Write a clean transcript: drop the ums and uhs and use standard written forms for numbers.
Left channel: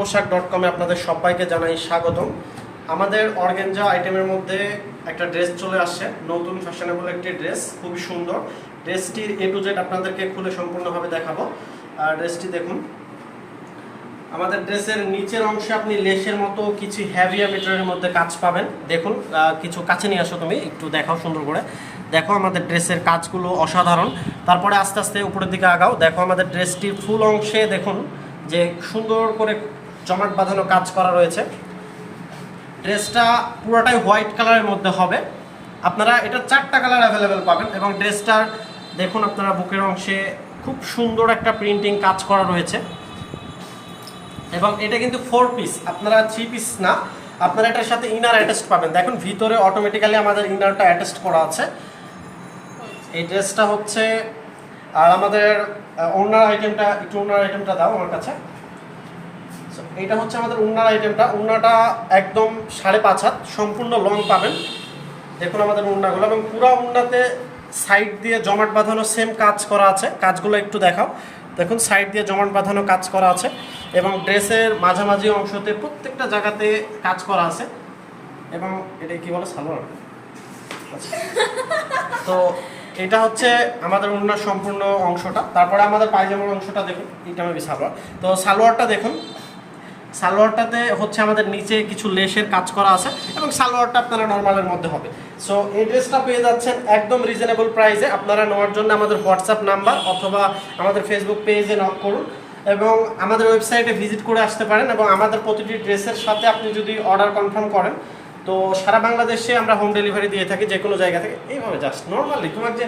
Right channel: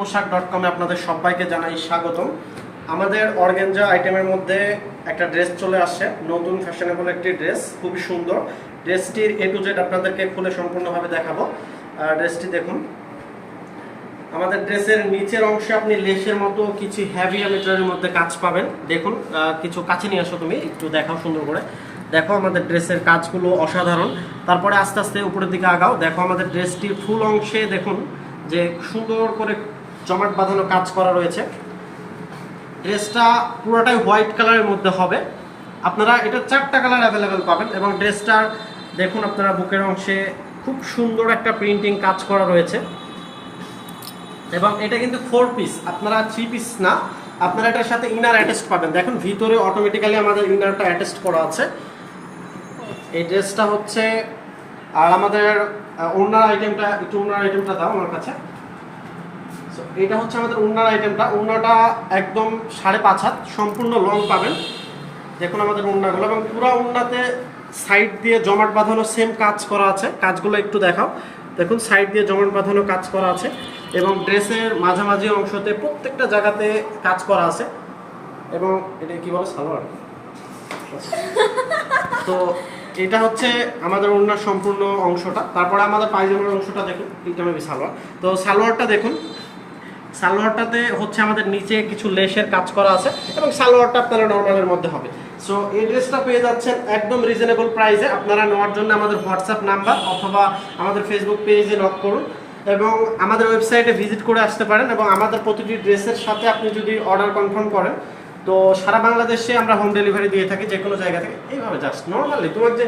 পোশাক.com এ আপনাদের সবাইকে জানাই স্বাগতম। আমাদের অর্গানজা আইটেমের মধ্যে একটা ড্রেস চলে আসছে, নতুন ফ্যাশনেবল একটি ড্রেস, খুবই সুন্দর। ড্রেসটির A to Z আপনাদেরকে খুলে সম্পূর্ণভাবে দেখাবো। আর ড্রেসটি দেখুন, আমাদের ড্রেসের নিচের অংশে আপনি লেসের মতো কিছু হেভি মেটেরিয়ালের মধ্যে কাজ পাবেন। দেখুন, কিছু কাছে নিয়ে আসো, তুমি একটু দেখাও সুন্দর করে। দেখো আমাদের ড্রেসের কাজগুলো অসাধারণ। তারপরে আস্তে আস্তে উপরের দিকে আগাও। দেখো আমাদের ড্রেসটির ফুল অংশে দেখুন যে সুন্দর করে জমাট বাঁধানো কাজ করা রয়েছে। ড্রেসটা পুরোটাই হোয়াইট কালারের মধ্যে হবে। আপনারা এটা 4টা কালার অ্যাভেলেবেল পাবেন। এবং ড্রেসটার দেখুন আপনারা বুকের অংশে খুব সুন্দর একটা প্রিন্টিং কাজ করা রয়েছে। এবং এটা কিন্তু 4 পিস, আপনারা 3 পিস না, আপনারা এটার সাথে ইনার অ্যাটাচড পাবেন। দেখুন ভিতরে অটোমেটিক্যালি আমাদের ইনারটা অ্যাটাচড করা আছে। এই ড্রেসটা হচ্ছে, আর আমাদের ওড়নার আইটেমটা, একটু ওড়নার আইটেমটা দাও আমার কাছে। এটা হচ্ছে আমাদের ওড়নার আইটেমটা। ওড়নাটা একদম 5.5 হাত সম্পূর্ণ লং পাবেন। দেখুন আমাদের ওড়নাগুলো, এবং পুরো ওড়নাতে সাইড দিয়ে জমাট বাঁধানো সেম কাজ করা আছে। কাজগুলো একটু দেখাও। দেখুন সাইড দিয়ে জমাট বাঁধানো কাজ করা আছে, এবং ড্রেসের মাঝামাঝি অংশতে প্রত্যেকটা জায়গাতে কাজ করা আছে। এবং এটা কি বলে, সালোয়ার। তো এটা হচ্ছে আমাদের ওড়নার সম্পূর্ণ অংশটা। তারপরে আমাদের পায়জামার অংশটা দেখুন, এটা আমি সালোয়ার। তো সালোয়ারটা দেখুন, সালোয়ারটাতে হচ্ছে আমাদের নিচে কিছু লেসের কাজ করা আছে, এবং সালোয়ারটা আপনারা নর্মালের মধ্যে হবে। সো এই ড্রেসটা পেয়ে যাচ্ছেন একদম রিজনেবল প্রাইসে। আপনারা নেওয়ার জন্য আমাদের হোয়াটসঅ্যাপ নাম্বার অথবা আমাদের ফেসবুক পেজে নক করুন, এবং আমাদের ওয়েবসাইটে ভিজিট করে আসতে পারেন। এবং আমাদের প্রতিটি ড্রেসের সাথে আপনি যদি অর্ডার কনফার্ম করেন, তো সারা বাংলাদেশে আমরা হোম ডেলিভারি দিয়ে থাকি, যে কোনো জায়গা থেকে। এইভাবে জাস্ট নর্মালি তোমার যে